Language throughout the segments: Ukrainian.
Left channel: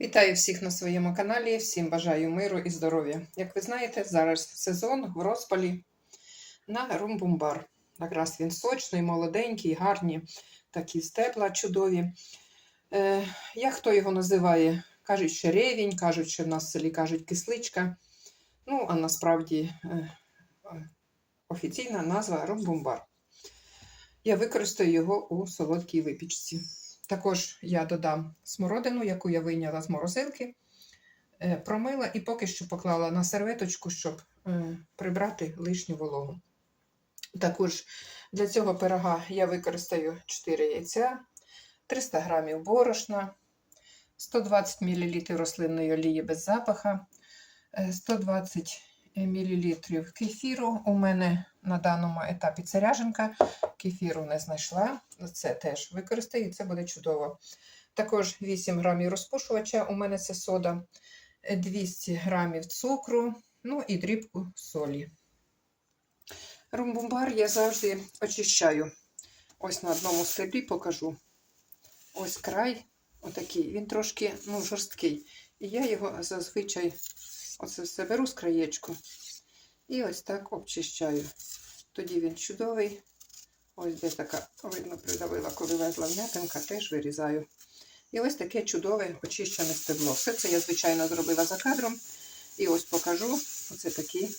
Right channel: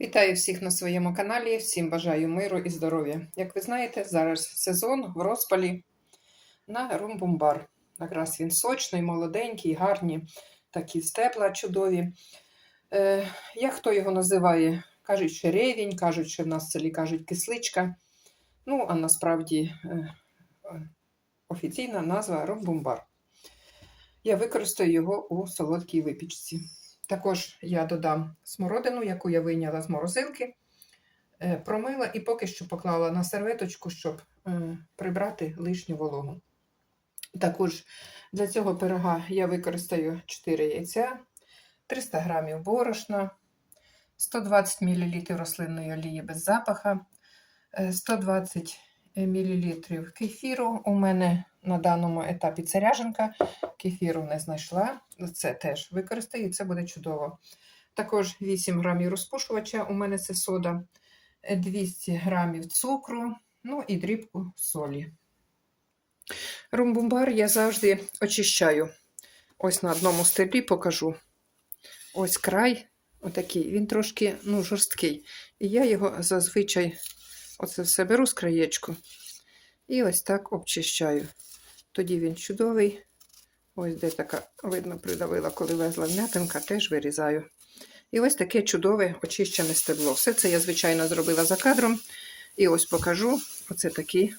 Вітаю всіх на своєму каналі. Всім бажаю миру і здоров'я. Як ви знаєте, зараз сезон в розпалі на румбумбар. Якраз він сочний, молоденький, гарні, такі стебла чудові. Е, як хто його називає? Кажуть, що ревінь, кажуть, що в нас в селі кажуть кисличка. Ну, а насправді е, офіційна назва румбумбар. Я використаю його у солодкій випічці. Також я додам смородину, яку я вийняла з морозилки, е, промила і поки що поклала на серветочку, щоб е, прибрати лишню вологу. Також для цього пирога я використаю 4 яйця, 300 г борошна, 120 мл рослинної олії без запаха, е, 120 мл кефіру. У мене на даному етапі це кефіру не знайшла. Це теж використаю, і це буде чудово. Також 8 грамів розпушувача, у мене це сода, 200 грамів цукру, ну і дрібку солі. Румбумбар я завжди очищаю. Ось на одному стеблі покажу. Ось край, отакий, він трошки ну, жорсткий. І я його зазвичай оце все беру з краєчку і ось так обчищаю. Тоді він чудовий. Ось де така, видно, придавила, коли везла м'ятинка, теж вирізаю. І ось таке чудове очищене стебло. Все це я, звичайно, зробила за кадром. І ось покажу. Оце такі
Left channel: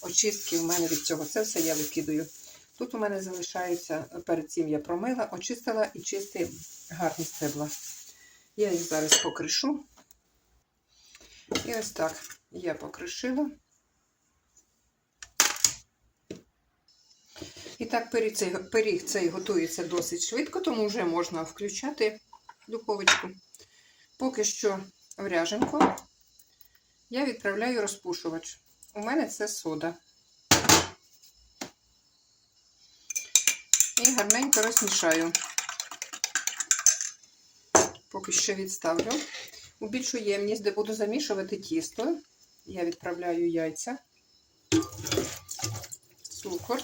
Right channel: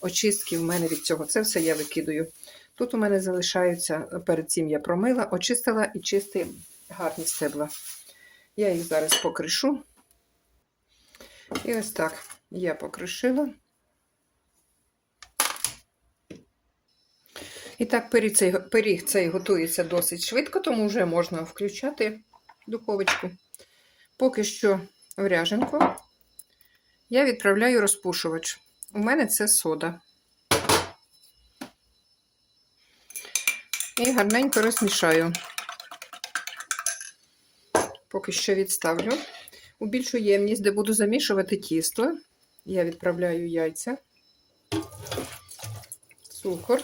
очистки в мене від цього. Це все я викидаю. Тут у мене залишаються, перед цим я промила, очистила і чисті гарні стебла. Я їх зараз покришу. І ось так я покришила. І так, пиріг цей, пиріг цей готується досить швидко, тому вже можна включати духовочку. Поки що в ряженку я відправляю розпушувач. У мене це сода. І гарненько розмішаю. Поки що відставлю. У більшу ємність, де буду замішувати тісто, я відправляю яйця, цукор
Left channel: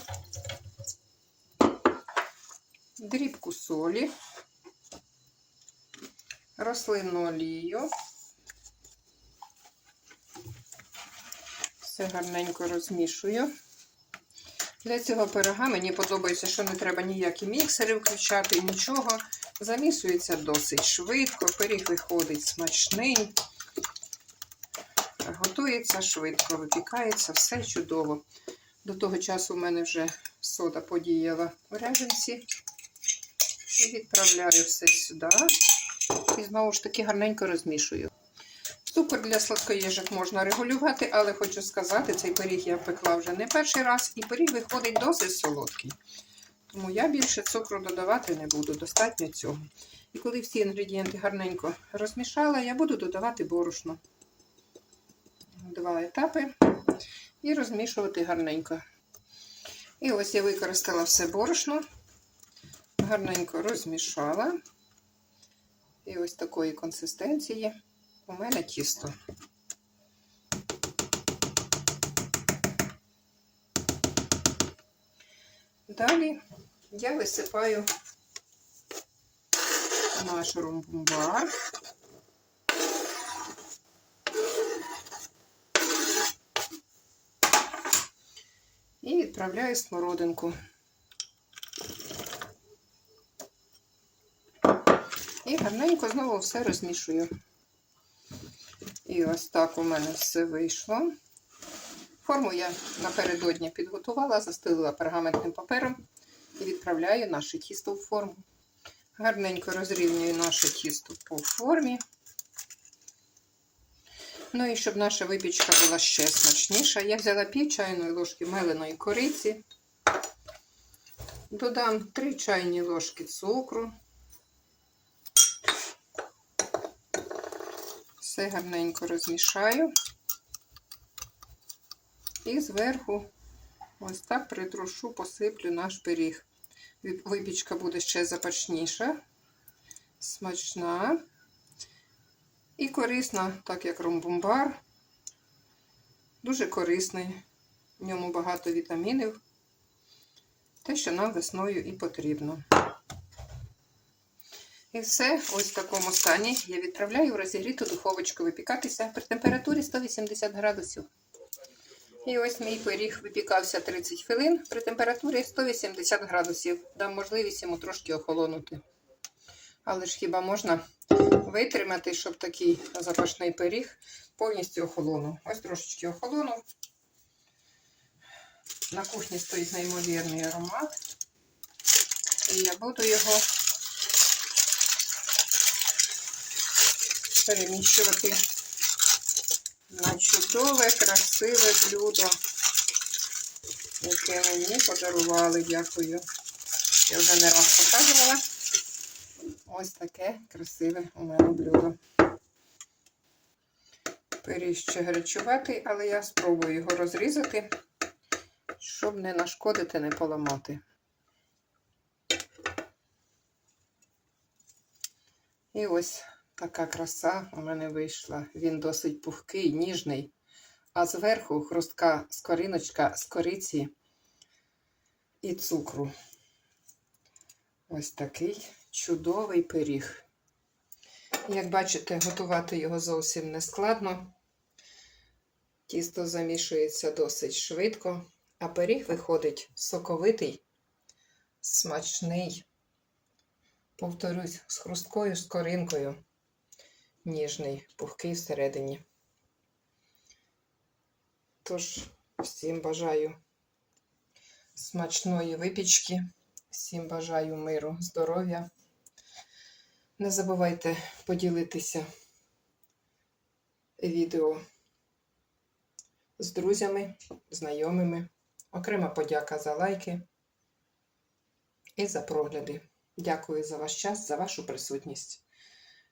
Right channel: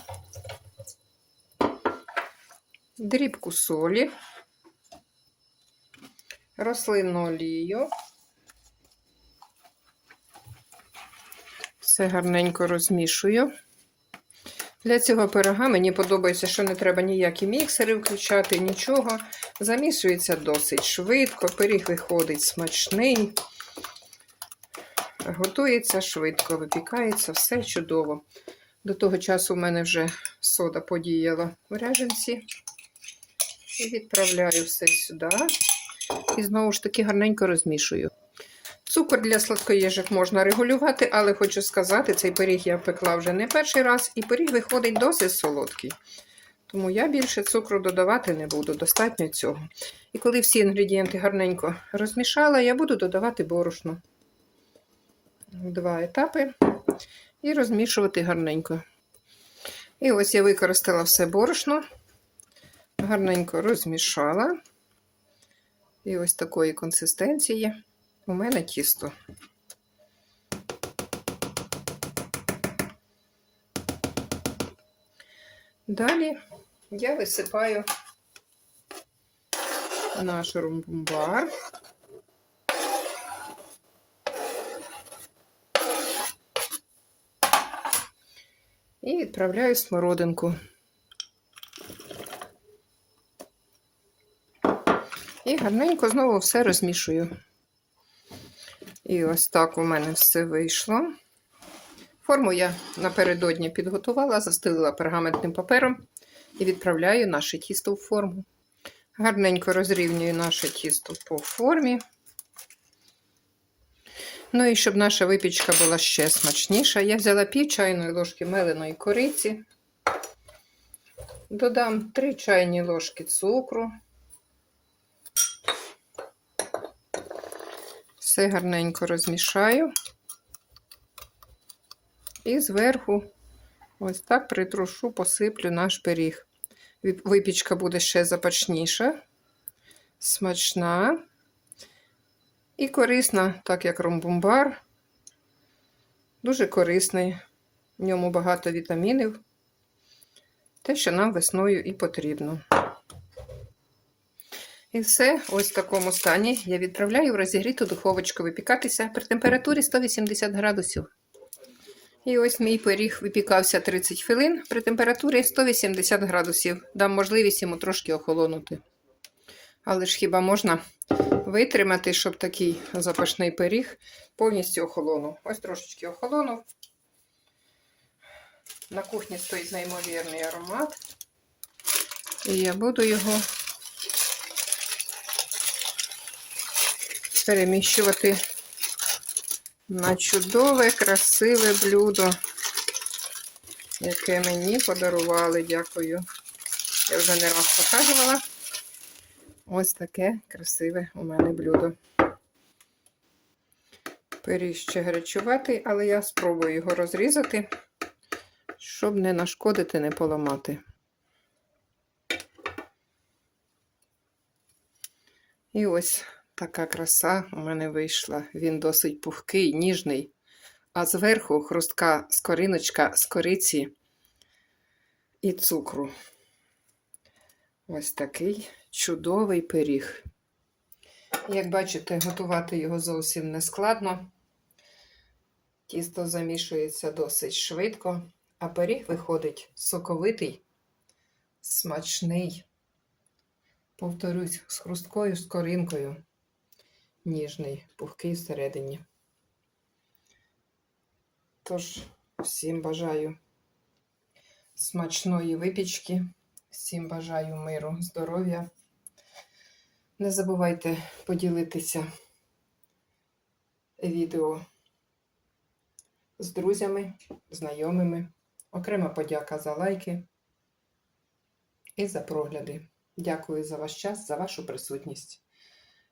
дрібку солі, рослинну олію. Все гарненько розмішую. Для цього пирога мені подобається, що не треба ніякі міксери включати, нічого. Замішується досить швидко, пиріг виходить смачний, готується швидко, випікається, все чудово. До того часу в мене вже сода подіяла в ряженці. І відправляю все сюди. І знову ж таки гарненько розмішую. Цукор для сладкоєжок можна регулювати, але хочу сказати, цей пиріг я пекла вже не перший раз, і пиріг виходить досить солодкий. Тому я більше цукру додавати не буду, достатньо цього. І коли всі інгредієнти гарненько розмішала, я буду додавати борошно. Два етапи. І розмішувати гарненько. І ось я використала все борошно гарненько розмішала. І ось такої консистенції у мене тісто. Далі я висипаю наш румбумбар. І відправляю смородинку. І гарненько знову все розмішую. І ось так у мене все вийшло. Форму я напередодні підготувала, застелила пергаментним папером і відправляю наше тісто в форму. Гарненько розрівнюю наше тісто по формі. Ну і щоб наша випічка була ще смачніша, я взяла пів чайної ложки меленої кориці, додам 3 чайні ложки цукру. Все гарненько розмішаю. І зверху ось так притрушу, посиплю наш пиріг. Випічка буде ще запачніша, смачна і корисна, так як ромбумбар. Дуже корисний. В ньому багато вітамінів. Те, що нам весною і потрібно. І все, ось в такому стані я відправляю в розігріту духовочку випікатися при температурі 180 градусів. І ось мій пиріг випікався 30 хвилин при температурі 180 градусів. Дам можливість йому трошки охолонути. Але ж хіба можна витримати, щоб такий запашний пиріг повністю охолонув? Ось трошечки охолонув. На кухні стоїть неймовірний аромат. І я буду його переміщувати на чудове, красиве блюдо, яке мені подарували. Дякую. Я вже не раз показувала. Ось таке красиве у мене блюдо. Пиріг ще гарячуватий, але я спробую його розрізати, щоб не нашкодити, не поламати. І ось така краса у мене вийшла. Він досить пухкий, ніжний, а зверху хрустка скориночка з кориці і цукру. Ось такий чудовий пиріг. Як бачите, готувати його зовсім не складно. Тісто замішується досить швидко, а пиріг виходить соковитий, смачний. Повторюсь, з хрусткою скоринкою. Ніжний, пухкий всередині. Тож, всім бажаю смачної випічки, всім бажаю миру, здоров'я. Не забувайте поділитися відео з друзями, знайомими. Окрема подяка за лайки і за прогляди. Дякую за ваш час, за вашу присутність.